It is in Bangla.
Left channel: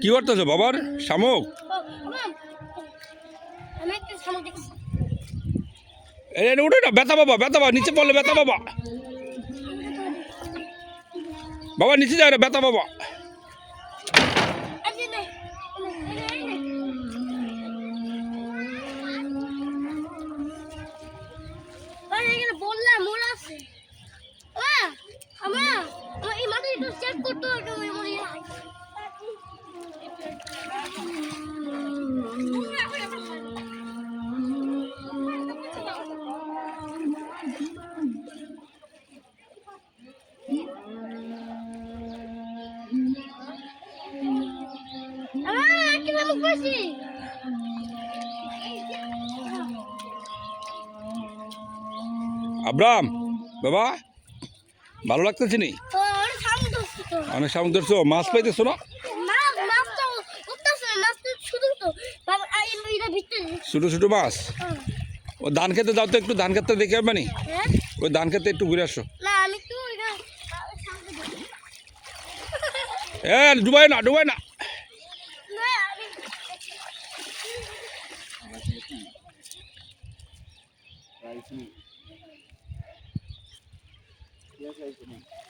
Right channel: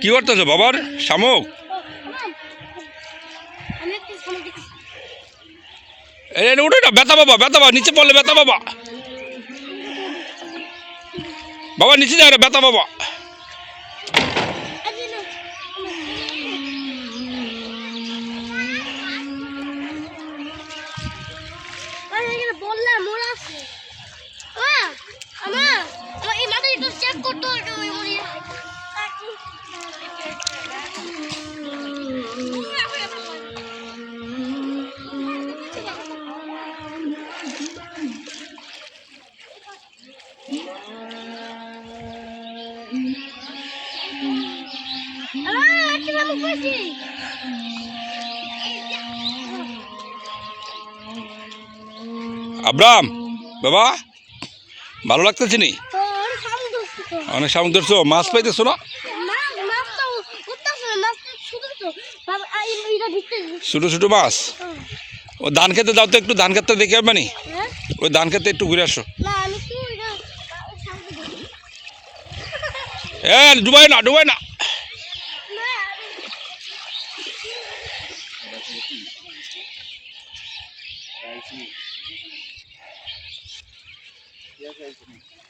কি করতেছো বাবার শামুক? উঠে না, ব্যথা বাবা, ব্যথা বাবা, নিচে পড়লে ব্যথা বাবা, বাবা নিচে যায় না, ব্যথা বাবা। আব্রাম বাবা, ভালো লাগতেছে নি? অনেক শামুক ধরছো, মাছ পাইতেছো না? ছোটো ছোটো মাছ। ও ধান খেতে যাও তো, একটু ধান খেতে দেখে আসবে নি? ওই ধান খেতে একটু ঘুরে আসো। ডুবাই না, ডুবাই না। Yes,